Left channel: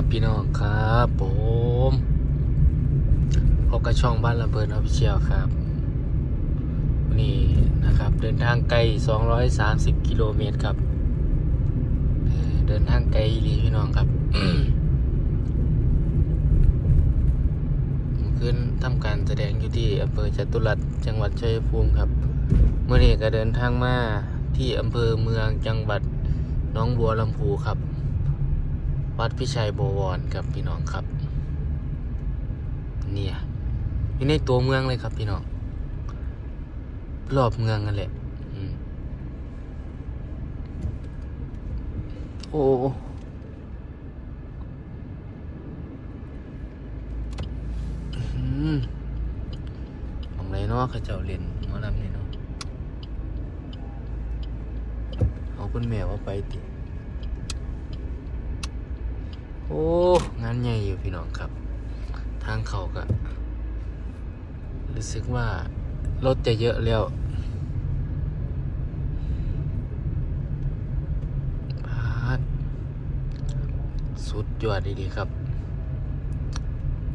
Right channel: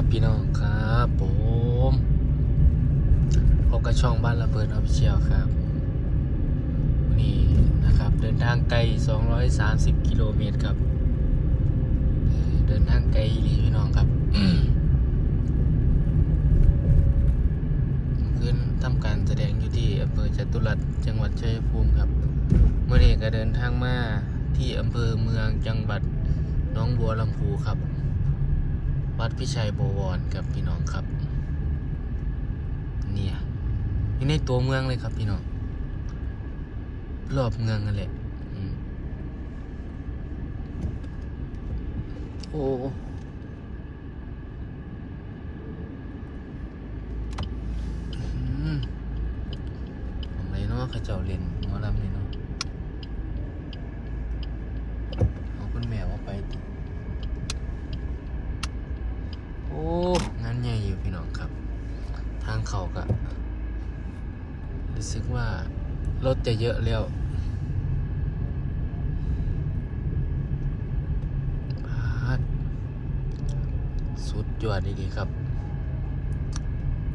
บพี่น้องครับผมพบกับช่องบ้านระเบิดออฟเชียลครับ นี่นะครับ เดินทางไกล 230 กิโลเมตรครับ เดินทางไกลอีหลีพี่น้องครับขึ้นทำการแสดงอยู่ที่อำเภอจตุรัสจังหวัดชัยภูมิครับ เมื่อนี้ก็เดินทางมาที่อำเภอเมืองจังหวัดน้องบัวลำพูครับ วัดพิชัยบวรครับพี่น้องครับ เนี่ยอยู่ในตัวเมืองเลยครับพี่น้องรอบเมืองนั่นแหละโอ้อืมของไรเนาะเขาเจ้าเรียนมาลำนี่เนาะเอาคุณแม่ว่าไปติ โอ้งานใหญ่อยู่พี่น้องครับ ทางเขาก็รู้สึกว่ารถจะเยอะแล้วพาดสุดยอดดีๆครับ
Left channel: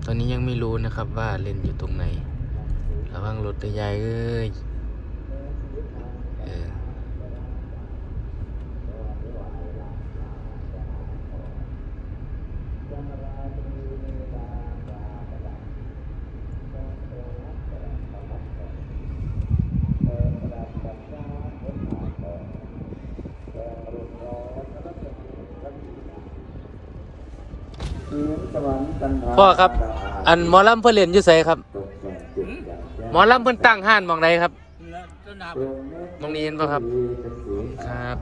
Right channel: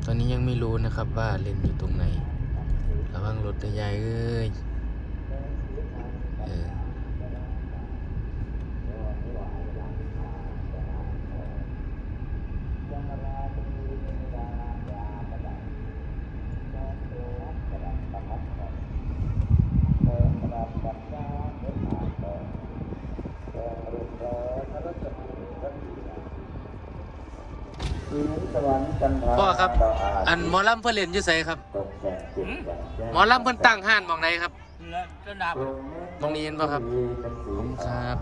ตอนนี้ยังไม่รู้นะครับว่าเล่นอยู่ตรงไหน ระวังรถตัวใหญ่เอ้ยเออ พ่อครับ อันหมอลำเพื่อนเรียนอยู่ไสครับ หมอลำเพื่อนตั้งห้านหมองใดครับต้นดับตรงนี้เห็นป่ะครับครับ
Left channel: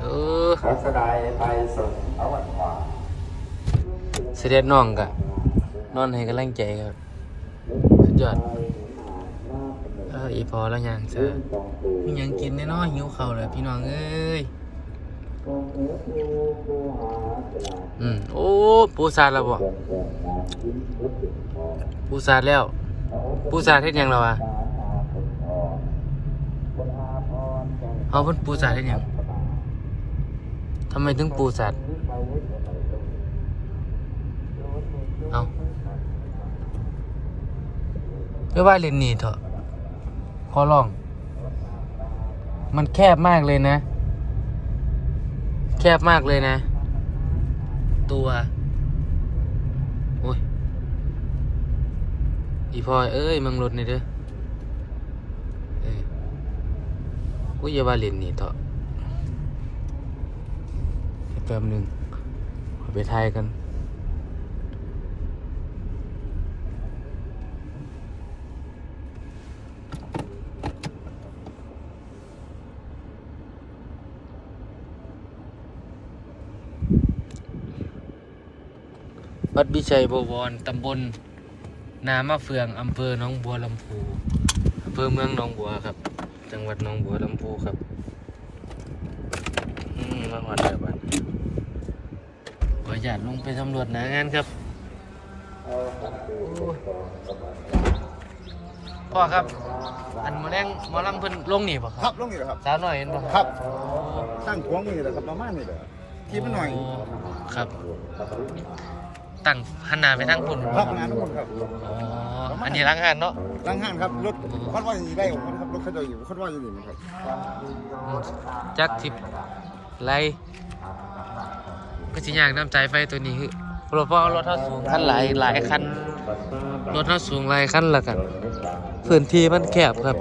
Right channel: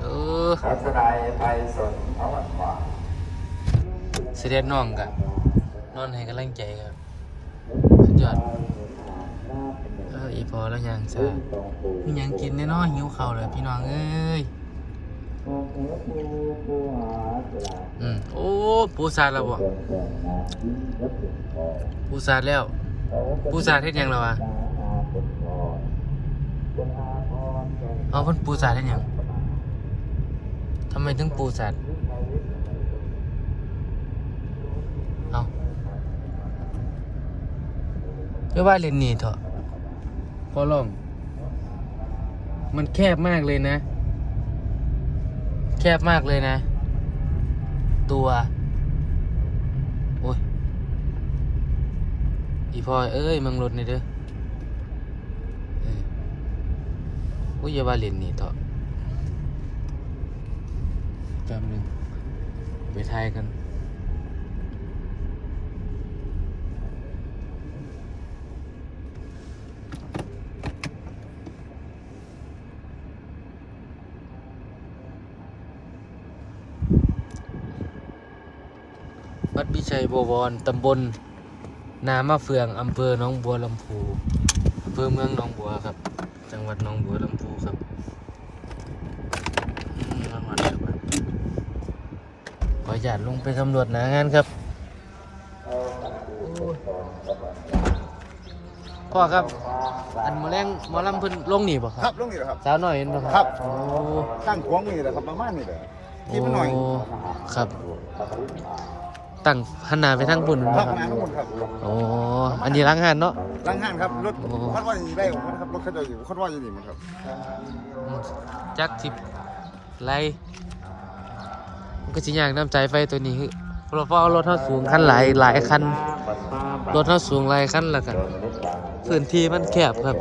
เออขอแสดงไปส่งเอาวันขวาเสด็จน้องกันนอนให้กำลังใจครับสุดยอดเอออีพอแล้วยังจ้ามีหยังกินแน่นอนหิวข้าวเลยพี่น้องเอ้ย อืมโอ้ปูซาดแล้วบ่ปูซาดแล้วปูซาดเฮ็ดหยังแล้วอะเอาเพิ่นปูซาดเฮ็ดหยังทำไมถึงปูซาดเอาเรียว่าเล่นนี่เถอะขอร้อง มันแคบมากเลยนะ แคบมากเลยนะ ตัวโอ้ยอีพลอยเอ้ยมังรถนี่เด้ออุ้ยอย่าว่าเล่นนี่เถอะแป๊บหนึงไปไทยกัน วัดวิชัยบวรตำบล นามะเฟืองอำเภอหนองบัวลำพูอำเภอเมืองหนองบัวครับ จังหวัดหนองบัวลำพูครับอืมรางวัลแล้วบัดขออนุญาตลงไปสำรวจหนางานครับโอ้ยพ่อครับ อันหมอแรงหมอลำเพิ่นลงนี่บ่คครัรับบลงนี่แหละครับ สาวน้อยเห็นบ่ครับโอ้ตั้งขวงนี่แหละครับประมาณนี้แหละที่มันหน่อยโครับ ตั้งหันหน้าไปทางพุ่นครับงานทุกคนครับโอ้อันนี้ล้างงานเนาะตั้งห้างครับรถคันว่าอยู่ได้ครับรถคันว่าอยู่คันว่าอยู่นี่มันครับจักทิปไล่ก็สิยากน้ำใจไฟตัวนี้คือเพราะว่ารถเท่าสูงคันหลายหลายคันรถเท่าสูงหลายคันละกันพื้นที่มันแคบครับ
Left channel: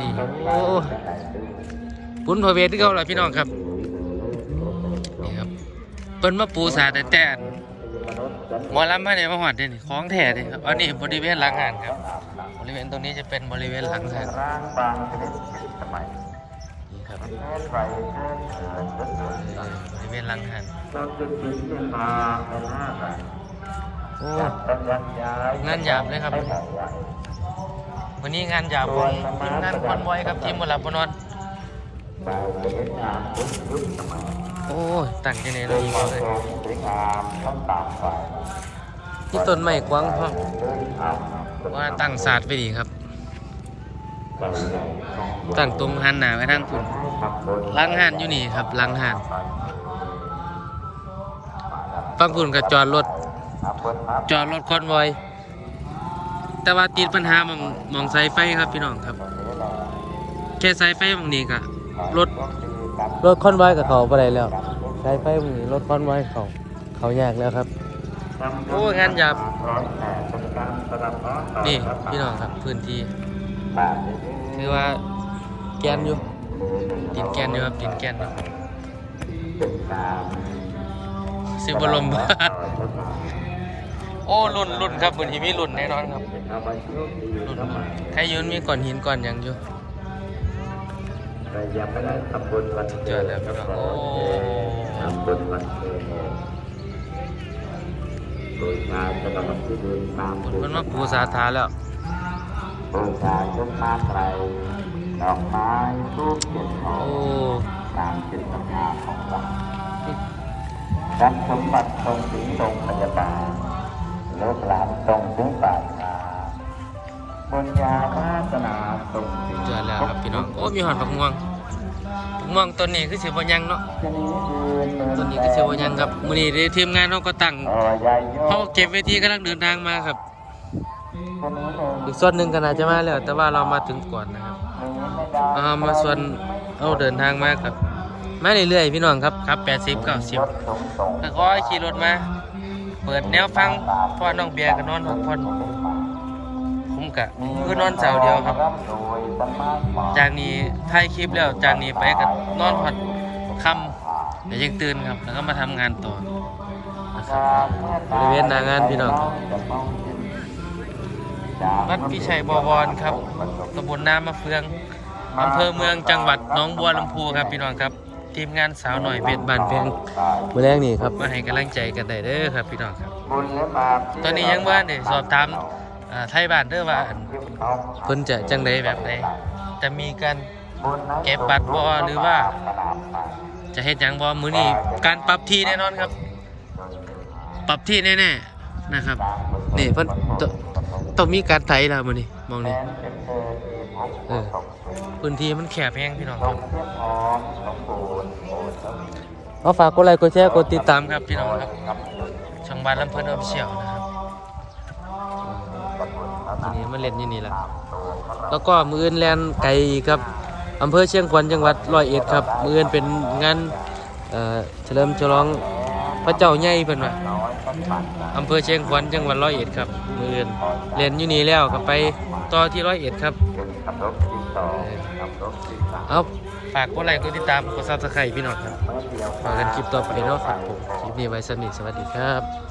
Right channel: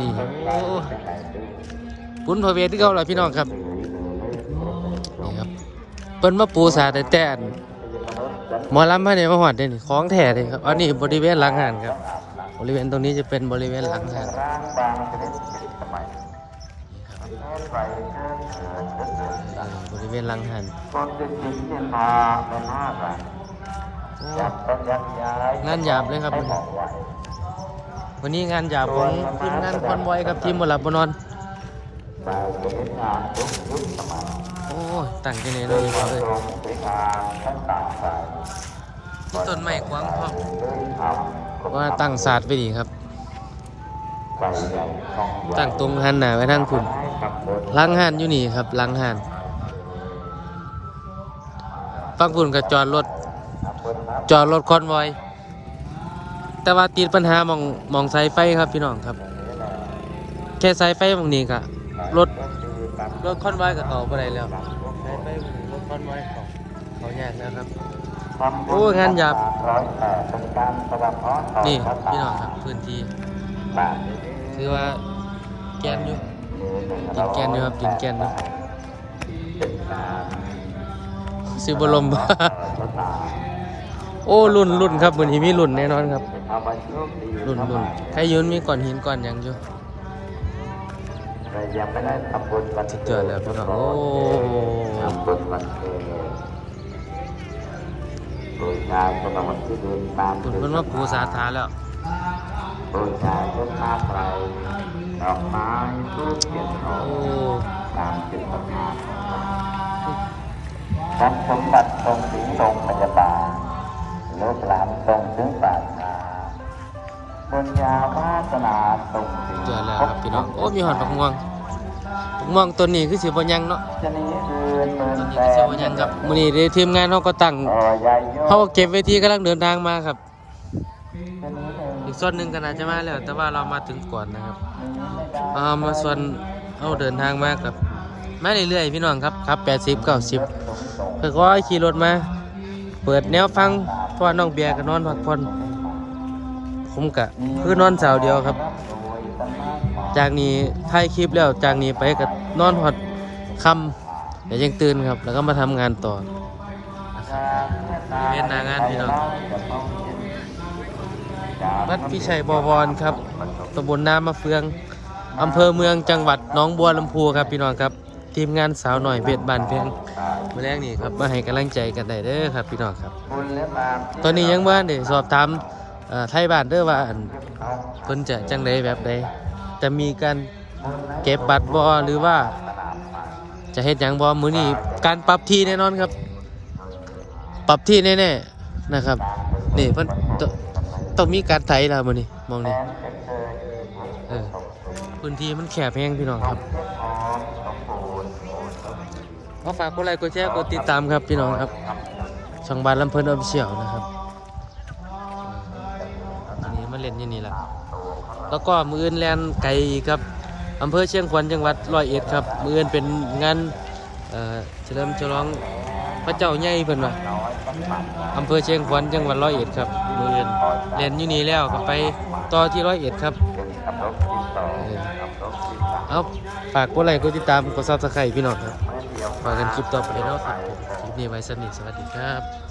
นี่โอ้ปุ้นพระเวทที่เขาเหรอพี่น้องครับนี่ครับ เปิ้นมาปูสาแต่แต่อันหมอลำพระเนี่ยมาหอดเด่นี่ของแท้เลยครับอันนี้บริเวณหลังหานครับ บริเวณตรงนี้จะเป็นบริเวณหลังหานนี่ครับบริเวณหลังหานโอ้งานหยาบเลยครับ วันนี้งานหยาบของทีมงานคอนไวครับทีมบหลับบนอน โอ้ยตั้งที่ไหนเลยอีกเลยนี่ต้นไม้กว้างพอว่าตั้งศาสตร์ไปดีครับ ตั้งตรงหันหน้าไว้ทางคุณล้างหันอยู่นี่ครับล้างหันฟังคุณกับจอดรถจอดรถคอนวอย แต่ว่าติดปัญหามองมองสายไฟครับพี่น้องครับ แค่สายไฟมองนี้กะรถ รถคอนวอยกับเขาไปได้แล้วสายไฟมองนี้รถคอนวอยเขาเขาแยกแล้วครับโอ้งานหยาบนี่พี่น้องครับพื้นที่คือว่าแกนอยู่กินแกนอยู่ครับกินแกนอยู่สิบลมโอ้รุ่นรุ่นครับเหมือนที่มีรุ่นแน่นอนครับรุ่นรุ่นใครยืนมีก่อนหินก่อนหยังอยู่ ยังไม่ได้ทำบุญวันสุดยอดแล้วพี่น้องโอ้ทำบุญวันเกิดโดยชายจะนำที่ดินตามคุณว่าปูสาธาแล้วโดยชายต้นมาไตรดอกไม้ทูบเทียนทองตามจิตศรัทธาของเราทรัพย์สมบัติตรงถึงโรงพยาบาลเลิกหลานตรงถึงปราชญาปัญญาวาสนาตรงถึงเจอแล้วครับพี่น้อง โอ้ มีหอดผักม่วง ม่วงตัวนี้คือสิบ่ยังเนาะชนิดอื่นเหมือนตัวนี้แต่คือสิบ่ยังครับมื้อนี้ได้ทีมงานเฮาก็ตั้งเอ่อใหญ่โยเขาก็เก็บเวทีกำลังเดินทางมาครับ อีกส่วนหนึ่งก็น่าจะมาแล้ว แต่ว่าเรามาถึงก่อนนะครับเอามาส่วนเอาเดินทางมากับมาเรื่อยๆพี่น้องครับครับแปดสิบเก้าสิบเพื่อก็ให้ขี่รถมา เปิดแนวฟังเพราะว่าน้องเบียร์ก็นอนพักผ่อนผมกะคือนอนสาวเดียวครับ จากนี้ถ่ายคลิปแล้วจากนี้ไปก็นอนหอดค่ำเดี๋ยวยังตื่นครับ แล้วก็มาทำงานต่อนะครับบริเวณนางานพี่น้องวัดพิชัยบวรครับตำบลน้ำมะเฟืองอำเภอเมืองจังหวัดหนองบัวลำพูครับพี่น้องครับ ทีมงานสาวหน่อยเพชรบานแพงเมื่อแรกนี่ครับมาให้กำลังใจกันได้เด้อครับพี่น้องครับ ตอนนี้ยังว่าเนี่ยสอบถามไทยบ้านเด้อว่าอันเพิ่นจะจังไดแบบใด จะมีการเก็บบัตรบ่หรือว่า จะเฮ็ดหยังบ่มื้อนี้การปรับที่แน่นอนครับ ปรับที่แน่ๆนะครับ นี่เพิ่นตต้องมีการไถแล้วมือนี้มองนี่เออพื้นที่มันแคบแฮงพี่น้องครับเอฝากกดไลค์กดแชร์กดติดตามครับพี่น้องครับช่องบ้านลำเพิ่นออฟเชียลนะ ครับทีนี้มาเล่นอยู่นี่แหละแล้วก็มืออื่นแลนไก่ครับอำเภอเชียงขวัญจังหวัดร้อยเอ็ดครับ มืออื่นเป็นงานเอ่อเฉลิมฉลองพระเจ้าใหญ่เพิ่นว่าอำเภอเชียงขวัญจังหวัดร้อยเอ็ดครับมืออื่นเล่นอยู่นี่แล้วก็ไปต่อที่ร้อยเอ็ดครับเอาฝากกดไลค์กดติดตามกดซับสไครต์พี่น้องครับพอกันคลิปต่อไปเนาะครับผมคลิปนี้ไว้สนิทสวัสดีครับ